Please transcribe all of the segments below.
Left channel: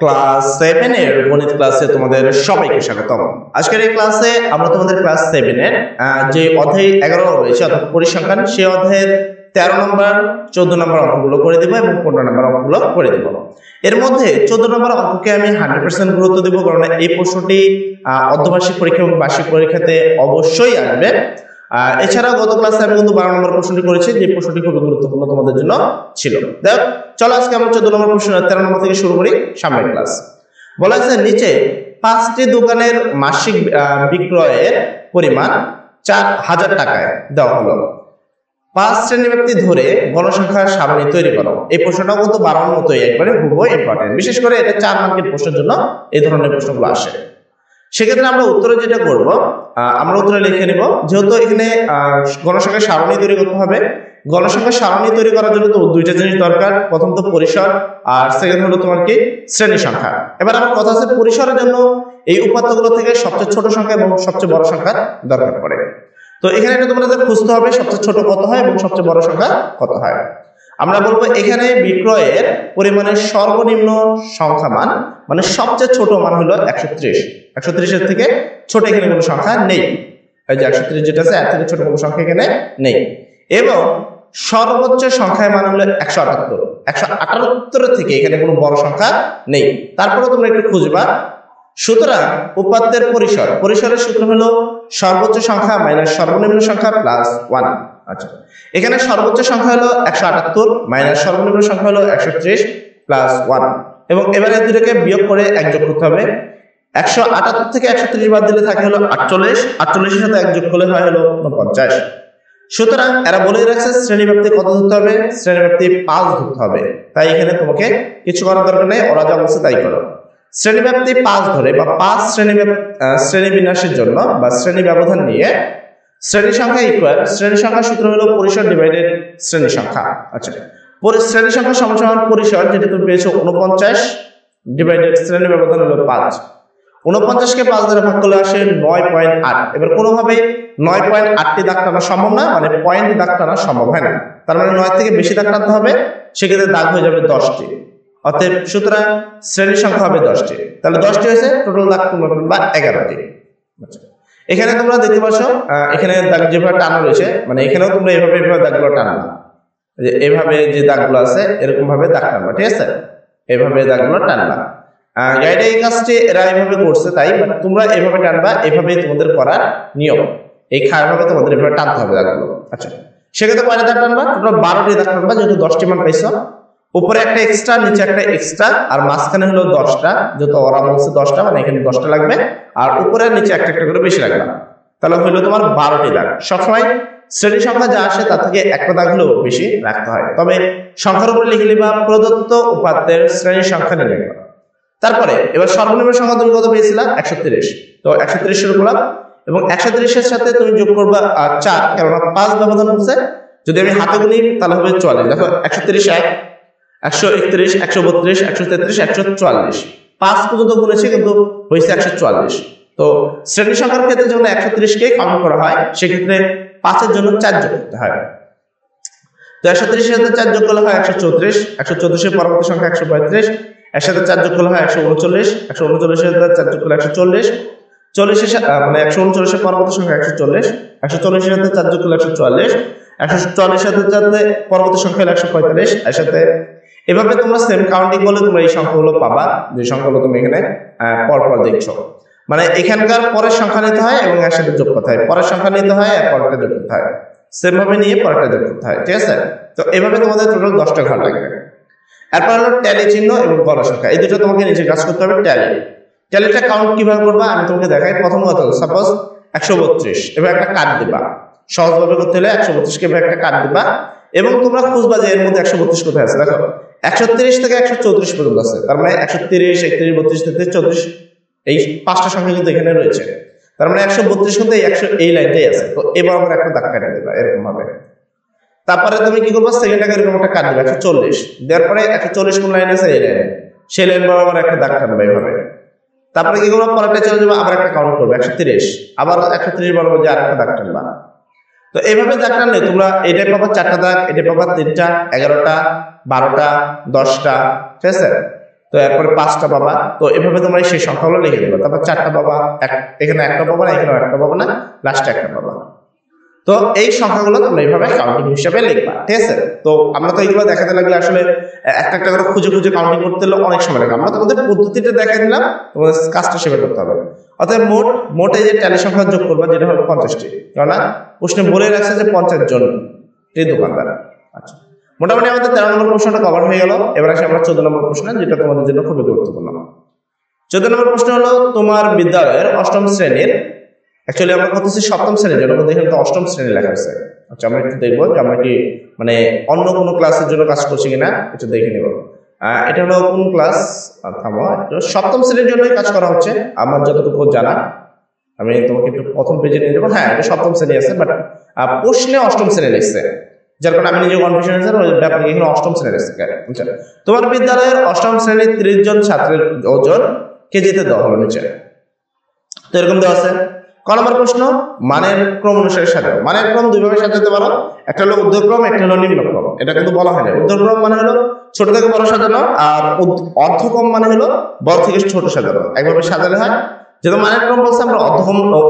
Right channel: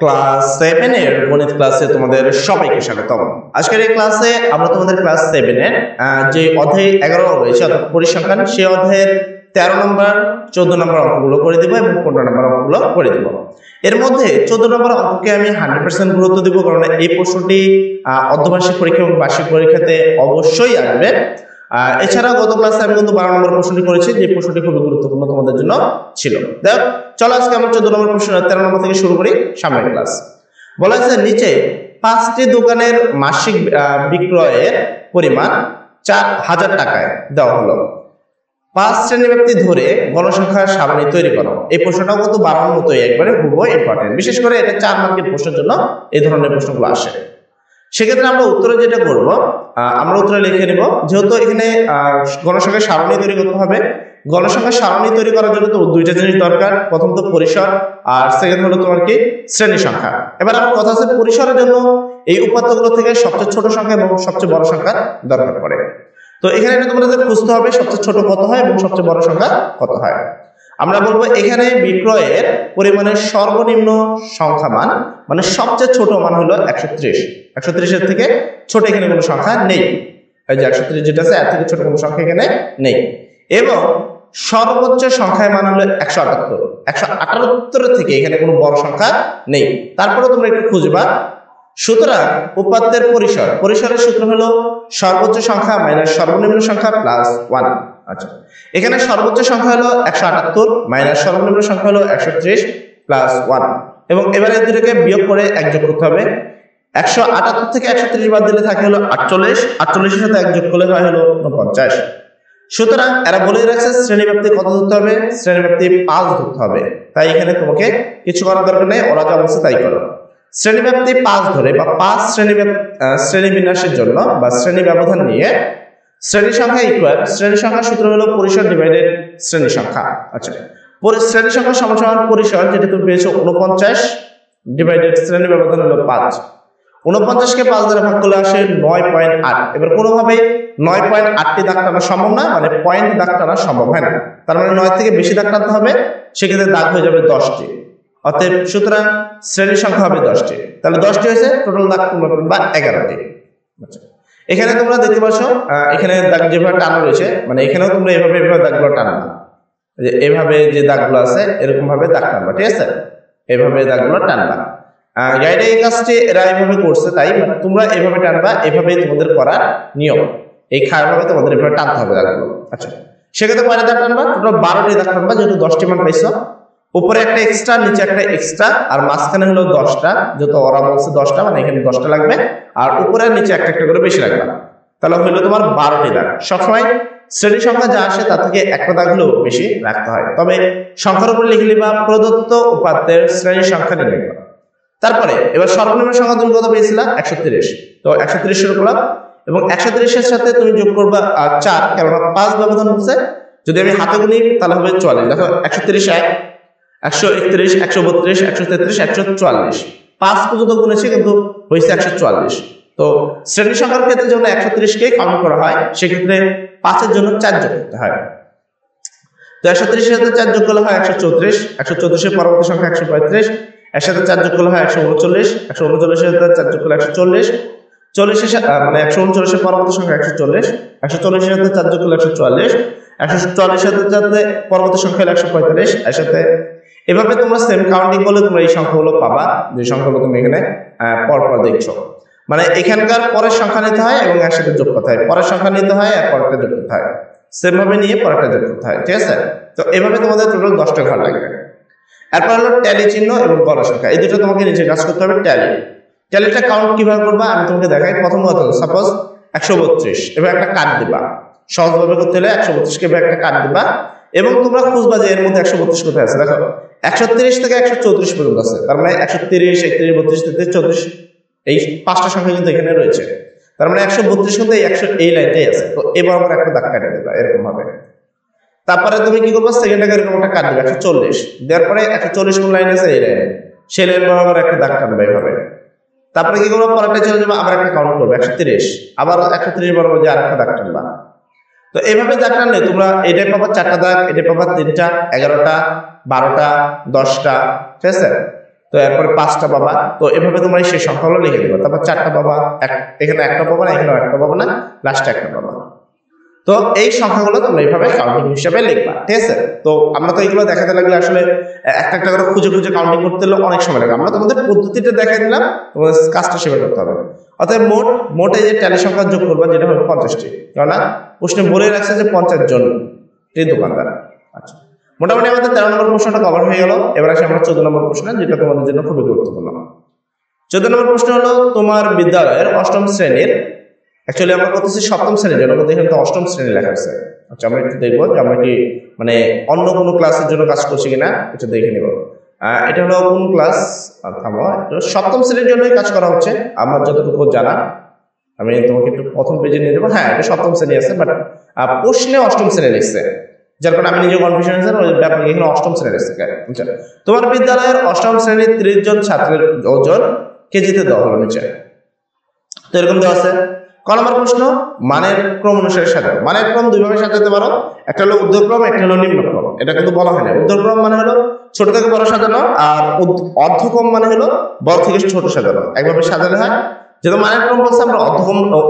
Class 7 এর গণিত ক্লাসে তোমাদের সবাইকে স্বাগতম। আজকের এই ক্লাসে আমরা তোমাদের ক্লাস 7 এর যে অধ্যায় 11 রয়েছে অর্থাৎ পরিসংখ্যান, সেই অধ্যায়ের 13 নম্বর 14 নম্বর অঙ্কগুলো করে দিব এবং 15 নম্বর অঙ্কগুলো করে দিব। এর মধ্যে 14 নম্বর অঙ্ককে আমি 100% গুরুত্ব দিব, কারণ এই প্রশ্নটি অর্ধবার্ষিক পরীক্ষা এবং বার্ষিক পরীক্ষাতে অবশ্যই আসবে। এছাড়াও গত ক্লাসে আমি কিন্তু 12 নম্বর প্রশ্নটি করেছি, যে প্রশ্নটি খুবই গুরুত্বপূর্ণ তোমাদের জন্য ছিল। দেখ চলো আজকে আমরা 14 নম্বর প্রশ্ন 13 নম্বর থেকে শুরু করি। সামনের ক্লাস বলা হয়েছে নিচে 5টি দোকানের মাসিক বিক্রয়ের পরিমাণ 4000 টাকায় দেওয়া হলো। 5 শ্রেণী ব্যক্তি ধরে গণসংখ্যার সারণী তৈরি করো। এই প্রশ্নটাও কিন্তু 12 মতোই একবারে হুবহু ইম্পর্টেন্ট, বিশেষ করে এটা 4 মার্কের প্রশ্নের জন্য এই ধরনের প্রশ্নগুলো আসে। সেক্ষেত্রে আমরা উত্তরে যেটা করব, আমরা উত্তরে লিখে নিব, যেহেতু এখানে গণসংখ্যার সারণী তৈরি করতে হবে। গণসংখ্যার সারণী তৈরি করার জন্য তো দুইটা জিনিস দরকার, প্রথম তো পরিসর, আর সেকেন্ড হলো তোমার কি শ্রেণী সংখ্যা। এবার আমার কথা আছে পরিসরের জন্য এই উপাত্তগুলো থেকে সবচেয়ে ছোট সংখ্যা এবং সবচেয়ে বড় সংখ্যা দরকার পড়ে। তো এখানে এটা তোমাদের খুঁজতে হবে সবচেয়ে ছোট কত হয় এবং সবচেয়ে বড় সংখ্যা কত হয়। আমরা বলবো এখানে বিক্রয়ের পরিমাণের সর্বনিম্ন সংখ্যা মান, মানে সবচেয়ে ছোট মান হলো 130। 130 এর থেকে ছোট এখানে কোনো সংখ্যা নেই। এই যে 130 যেটা আছে, এর থেকে ছোট কোনো সংখ্যা এখানে নেই। এবং সর্বোচ্চ সংখ্যার মান হলো 178। 178 থেকে এখানে কোনো বড় সংখ্যা নেই। তারপরে তোমরা একটু খুঁজবা। সুতরাং উপাত্তের পরিসরের সূত্র হলো সর্বোচ্চ সংখ্যা মাইনাস সর্বনিম্ন সংখ্যা প্লাস 1। আচ্ছা, এখানে সর্বোচ্চ সংখ্যা হলো 178 মাইনাস সর্বনিম্ন সংখ্যা হলো 130 প্লাস 1। এবং এবারে দুটোকে বিয়োগ করে 1 যোগ করতে হবে। 178 থেকে 130 বাদ দিলে থাকে হলো 48। 48 এর সাথে 1 যোগ করলে হয় হলো 49। সুতরাং এরা বলেই রাখছে শ্রেণীব্যাপ্তি কত ধরতে হবে, শ্রেণীব্যাপ্তি 5 ধরতে হবে। তাই এখানে তোমাকে কিছু করার দরকার নেই, ওরা যা বলছে তাই করো। শ্রেণীব্যাপ্তি 5 ধরে বা 5 শ্রেণী বিন্যাসের জন্য বা শ্রেণী ব্যবধান নিয়ে শ্রেণী সংখ্যা ইকুয়াল, শ্রেণী সংখ্যার সূত্র হলো পরিসর ডিভাইডেড শ্রেণী সংখ্যা। আচ্ছা, শ্রেণী সংখ্যা সমান পরিসর, যেটা তুমি পেয়েছো 49 ডিভাইডেড শ্রেণী ব্যবধান হলো 5। 49কে 5 দ্বারা ভাগ করলে আসে 9.8। এবার কোনোভাবে 9.8টি দাগ টানা সম্ভব না, মানে পয়েন্ট দাগ টানা সম্ভব হয় না। তার মানে 9 থেকে বেশি দাগ টানতে হবে, সেক্ষেত্রে দাগ হয়ে যাবে 10টি। অতএব সুতরাং শ্রেণী সংখ্যা হবে 10টি। তাহলে 10টি হয়েছে, টোটাল দাগ বা 11টি। আচ্ছা, এখানে তোমরা দেখতে পাচ্ছ এখানে দাগ যেভাবে টানা রয়েছে, মানে এখানেও তোমরা এভাবে দাগগুলো টানবা, যে এভাবে যে দাগগুলো আছে এরকম ভাবে দাগ টানবা, ঠিক আছে? এভাবে দাগগুলো টানবা। গাইডে এই কাজটি এরা এইভাবে করছে, তাই তোমরা এভাবে টানবা, এভাবেই তোমাদের করার নিয়ম। এই খারাপভাবে তোমাদের এভাবে টানতে হবে দাগগুলো। আচ্ছা, সেক্ষেত্রে কয়টা দাগ টানবা? টোটাল 12টি দাগ টানবা, যেহেতু 10টি মান পাইছো। উপরে একটা এক্সট্রা, নিচে একটা এক্সট্রা, আর মাঝখানে হলো 10টা, যেহেতু ওরা বলছে 10টা, মানে এখানে 10টা লাগবে। আর উপরে আর নিচে একটা একটা করে বেশি লাগবে। তাহলে হইলো তোমার 12টি দাগ। সবসময় শ্রেণী সংখ্যা যা আসে তার থেকে একটা দাগ হলেও বেশি রাখতে হয়। তবে সংখ্যার উপরে লিখে নিবা প্রদত্ত উপাত্তের শ্রেণী সংখ্যা নির্ণয় করা। তারপরে এবার সর্বনিম্ন সংখ্যা তুমি কত পেয়েছিলা? 130। তো 130 শুরু করলাম, এবং 130 এর সাথে তুমি যোগ করবা 4, কেননা 5 ব্যবধান হচ্ছে। যদি আমি হাতে গুনি তাহলে হবে 44। দেখো 130 1, 131, 132, 133, 144, 5 পর্যন্ত গুনেছি কিন্তু হয়েছে 144। তো শ্রেণী সংখ্যার ক্ষেত্রে যখন 130কে কাউন্ট করা হয়, সেক্ষেত্রে 5-এর জন্য 4 যোগ করতে হয়। তো 130 এর সাথে 4 যোগ করলে হয় 134। 134 এর পরবর্তী সংখ্যা 135। এর সাথে 4 যোগ করলে হয় 139। 139 এর সাথে 4 যোগ করলে 140। 40 এর মানে 139 এর পরবর্তী সংখ্যা 140। 140 এর সাথে 4 যোগ করলে 144। 144 এর সাথে পরবর্তী সংখ্যা হলো 145। এর সাথে এভাবে তোমরা সেম কাউন্টিং করলে তোমরা এই সংখ্যাগুলো পাবা, যে সংখ্যাগুলো তুমি এখানে পরপর দেখছো। মানে এখানকার পরের সংখ্যা নিতে হয় এবং এর সাথে যোগ করতে হয়, পরের সংখ্যা নিতে হয় আর পরেরটা যোগ করতে হয়, সেম ভাবে নিয়ে পরেরটা যোগ করতে হয়, ঠিক আছে? তো এভাবে তোমাদের টোটাল 10টা ঘর লাগবে। এরপর হলো ট্যালি চিহ্ন এবং গণসংখ্যা, এই দুটো তোমাকে নিচে কাজ করতে হবে। ট্যালিটা কাউন্ট কিভাবে করবা আমি তোমাকে দেখাই। প্রথম কথা, সাপোজ 132, এবার একটা কাট দিবা। সহজভাবে করতে হলে 132কে এবার একটা কাট দিবা, এবং তোমরা খুঁজবা যে এর মধ্যে 132 কোথায় আছে। দেখো 130 থেকে 134 পর্যন্ত আছে, তার মানে 130, 31, 32, 33, 34, এই 5টা সংখ্যা কিন্তু এখানে রয়েছে। তার মানে 132 কিন্তু এই লাইনটাই আছে। তো এবার আমরা একটা দাগ কাটে দিবা এরকম ভাবে। তারপরে তুমি কি করবো, সেকেন্ডটাকে এরকম একটা কাট দিবে 140, দেওয়ার পরে 140 কোন লাইন আছে, এই লাইনে, সেই লাইন বরাবর একটা দাগ টানবে এইভাবে। তারপরে কি করবো, পরেরটা চলে যাবো, আবার একটা কাউন্ট করবে 130, আবার 130 বরাবর যে আর একটা দাগ টানবা। তো এইভাবে দাগ টানলে তোমরা এটাই পাবা 4টা দাগ, এটাই পাবা 3টা, 11টা, 12টা, 10টা, ঠিক আছে? তো এরপরে 5টা পাবা। তো এভাবে তোমরা সেই সংখ্যাগুলো লিখে দিবা। তারপর 4টা পাবা, এখানে একটা পাবা না, এখানেও একটা পাবা না, লাস্টে একটা পাবা। তো এই সংখ্যাগুলো তোমরা এইভাবে কাউন্টিং হিসাবে লিখবা, ঠিক আছে? তো আমরা তো এইগুলো দেখাতে লাগলে আসলে একটা একটা করে খুঁজে খুঁজে কাউন্টিং করতে হলে অনেক সময় লাগে। আমরা তোমাদের পদ্ধতিটা দেখাই দিলাম, তোমাদের কাজটা সেভাবে করতে হবে। অর্থাৎ মোট এই যে ট্যালি সংখ্যা যোগ করবা, যেটা হবে 50টি, কেননা প্রশ্নে বলে রাখছে যে 50 জন দোকানদার। আচ্ছা, মোটামুটি আমাদের 13 নম্বর প্রশ্নটা কভার হয়ে গেল। এবার আসি আমরা 14 নম্বর প্রশ্ন, যেটা তোমাদের জন্য খুবই গুরুত্বপূর্ণ। 14 নম্বর প্রশ্ন হলো, তোমার বিদ্যালয়ের অষ্টম শ্রেণীর, অ্যাকচুয়ালি আমরা করতেছি সপ্তম শ্রেণীর জন্য, কিন্তু এখানে তো অষ্টম শ্রেণী লেখা হয়েছে। আচ্ছা, আমরা একটু দেখবো যে আমরা কি মানে অন্য কোনো ক্লাসের জন্য কাজ করছি কিনা, এটা দেখে নিব। এটা হলো কোন ক্লাস, থামো একটু, সপ্তম শ্রেণীর জন্যই কাজ করা হচ্ছে আমার যতটুকু জানা। আমি তোমাকে একটু প্রথম পেজে নিয়ে যাবো। হ্যাঁ, এটা সপ্তম শ্রেণী আছে, বাট প্রশ্নে অষ্টম শ্রেণী লিখছে, যার কারণে আমি নিজে কনফিউশন হয়েছে, ওই ব্যাপারে এখানে অষ্টম শ্রেণী লিখছে। আচ্ছা, তোমার বিদ্যালয়ের অষ্টম শ্রেণীর 30 জন ছাত্রের ওজন কেজিতে দেওয়া হলো নিচে। তো এরকম দেওয়া আছে। ক নম্বর প্রশ্ন, মানের ক্রম অনুসারে সাজাও। মানের ক্রম দুইভাবে সাজাতে পারো, একটা হলো ঊর্ধ্বক্রম, একটা হলো নিম্নক্রম। এটা কিন্তু বলা হয় না। ঊর্ধ্বক্রম মানে হলো ছোট থেকে বড় সাজানো, আর অর্ধক্রম মানে হলো বড় থেকে ছোট সাজানো। একভাবে সাজালে হয়। যেহেতু মানের ক্রম বলছে, আমরা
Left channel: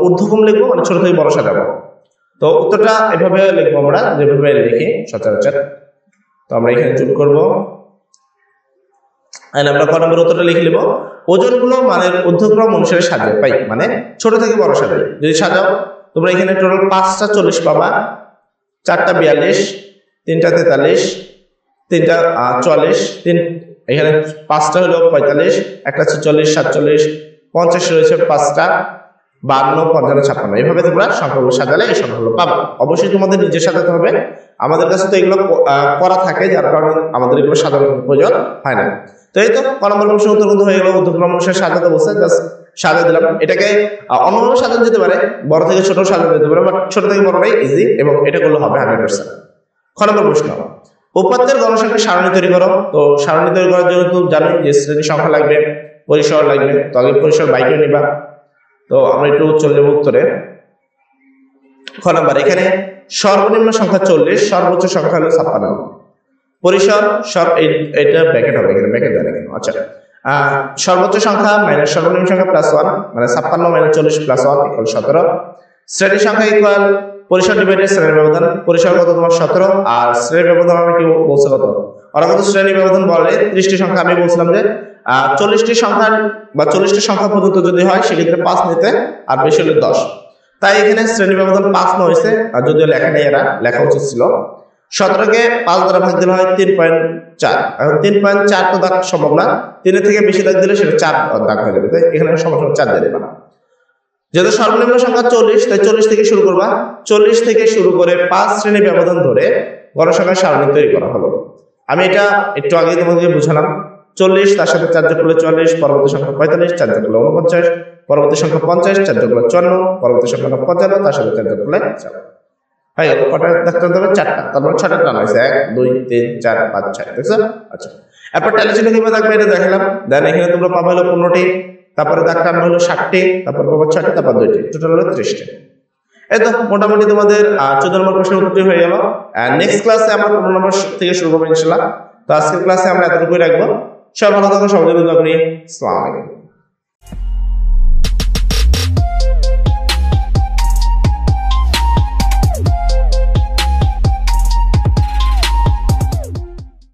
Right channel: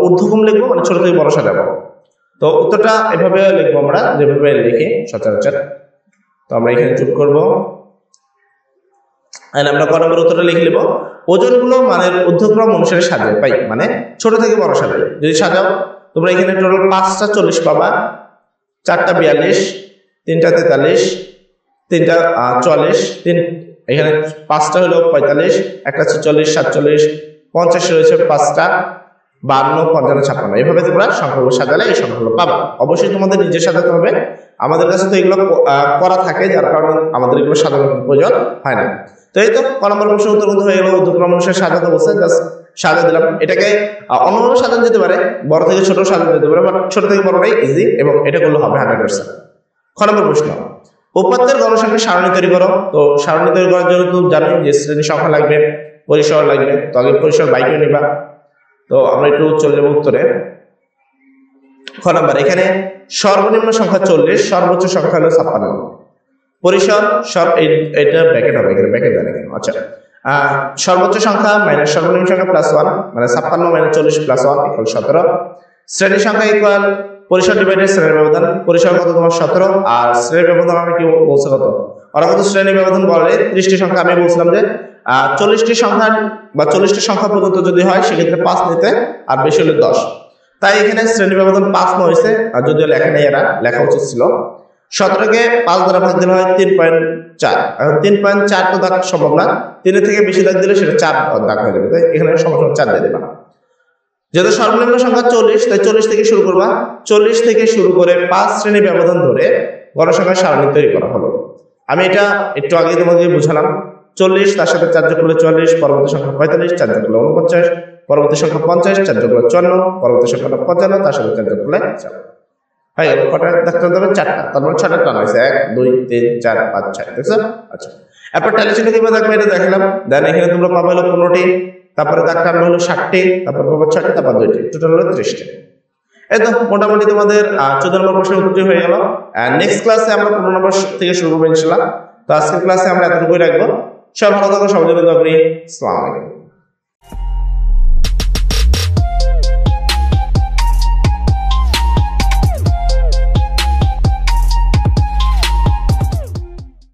ঊর্ধ্বক্রম লিখবো, মানে ছোট থেকে বড় সাজাবো। তো উত্তরটা এভাবে লিখবো আমরা, যেভাবে লিখি সচরাচর। তো আমরা এখানে যোগ করবো, আমরা ক নম্বর উত্তরটা লিখে নেব। ওজনগুলো মানের ঊর্ধ্বক্রম অনুসারে সাজিয়ে পাই, মানে ছোট থেকে বড় সাজাই। যদি সাজাও, তোমরা এখানে টোটাল 5টা 40 পাবা, 4টা 42, 3টা 43, 3টা 44, এখানে 5টা হলো 45, একটা 46, 47, 50 রয়েছে 5টা, 52, 55, 56। এইভাবে তোমরা সংখ্যাগুলো সাজালে এই সংখ্যাগুলো পাবা। অবশ্যই তোমাদের নিজের সাজাতে হবে, আমাদের কাছে তো এগুলো করা থাকে, যার কারণে আমাদের এগুলো সাজানোর প্রয়োজন হয় না। তো এই তো ক নম্বর প্রশ্ন উত্তর কিন্তু হয়ে গেল। ঊর্ধ্বক্রম অনুসারে সাজাতে বলছে, জাস্ট সাজা দিলাম। এটাকে অন্যভাবে সাজানো যেতে পারে, বড় থেকে ছোট সাজানো যেতে পারে, বাট ছোট থেকে বড়টাই ইজি, এবং এটা করলে হবে 100%। খ নম্বর প্রশ্ন, উপাত্তের গণসংখ্যা সারণী তৈরি করো। তো সারণী তৈরি করার জন্য তো জানোই যে শ্রেণী সংখ্যা লাগবে, পরিসর লাগবে। তো আগে পরিসর বাই করে নিবা। তো আমরা একটু চলে যাবো উত্তরে। খ নম্বর, এখানে সর্বনিম্ন সংখ্যা 40, সর্বোচ্চ সংখ্যা হলো 56। পরিসর সব এটা ব্র্যাকেট হবে, এখানে ব্র্যাকেট দেন এখানে। আচ্ছা, সর্বোচ্চ সংখ্যা মাইনাস সর্বনিম্ন সংখ্যা +1, মানে 56 - 40 +1 = 17। শ্রেণী সংখ্যা ইকুয়াল পরিসর ডিভাইডেড শ্রেণীর ব্যবধান। পরিসর কত তোমার 17, আর শ্রেণীর ব্যবধান আমি কি বলছে কত, ওরা কত শ্রেণীর ব্যবধান বলে 30টি সংখ্যা। আমি বলছিলাম যে 40টি সংখ্যা বা 40টি সংখ্যা পর্যন্ত যদি হয় সেক্ষেত্রে 5 নিতে, আর বেশি হলে 10। তাই এখানে শ্রেণী ব্যবধান 5 নেওয়া হয়েছে, আর যদিও লেখা নেই, এরা লেখা উচিত ছিল। 17কে 5 দ্বারা ভাগ দিলে হয় 3.4। এখন 3.4 তো দাগ সম্ভব না, 3 থেকে বেশি দাগ দিলে সেটা 4 দাগ হয়ে যাবে। তাই এখানে সমান 4 দিয়ে দিবা। যেহেতু সর্বনিম্ন সংখ্যা 40, তাই 40 থেকে শুরু করবা। 40 থেকে শুরু করে 5 শ্রেণী ব্যবধান ধরে গণসংখ্যার সারণী তৈরি করা হলো। আমি এটা একটু আগেই তোমাকে বুঝালাম। 40, তার সাথে 4 যোগ করলে 44, পরবর্তী সংখ্যা 45, 4 যোগ করলে 49, পরবর্তী সংখ্যা 50, 4 যোগ করলে 54, পরবর্তী সংখ্যা 55, তার সাথে 4 যোগ করলে 4 হয়ে গেল। কটা দেখতে হবে? 4টা। তারপর 6টা টান হয়েছে, 1 2 3 4 5 6, দেখছো? আচ্ছা, এরপর ট্যালি চিহ্ন কিভাবে দেখবে এটা দেখালাম। দেন এখানে তোমরা পাবে হলো 15টি, তারপরে দাগ টানবে হলো 60টি, তারপর পাবে 6টি, তারপর 2টি, টোটাল হলো 30টি। এই তো মোটামুটি তোমাদের 14 নম্বর প্রশ্নের উত্তরটি হয়ে গেল। নেক্সট ক্লাসে আমরা 15 নম্বর থেকে শুরু করবো ইনশাআল্লাহ। তো আজকের ক্লাসে আমরা এতটুকুই রাখবো। সবাই ভালো থাকো, সবার জন্য দোয়া করি। আসসালামু আলাইকুম।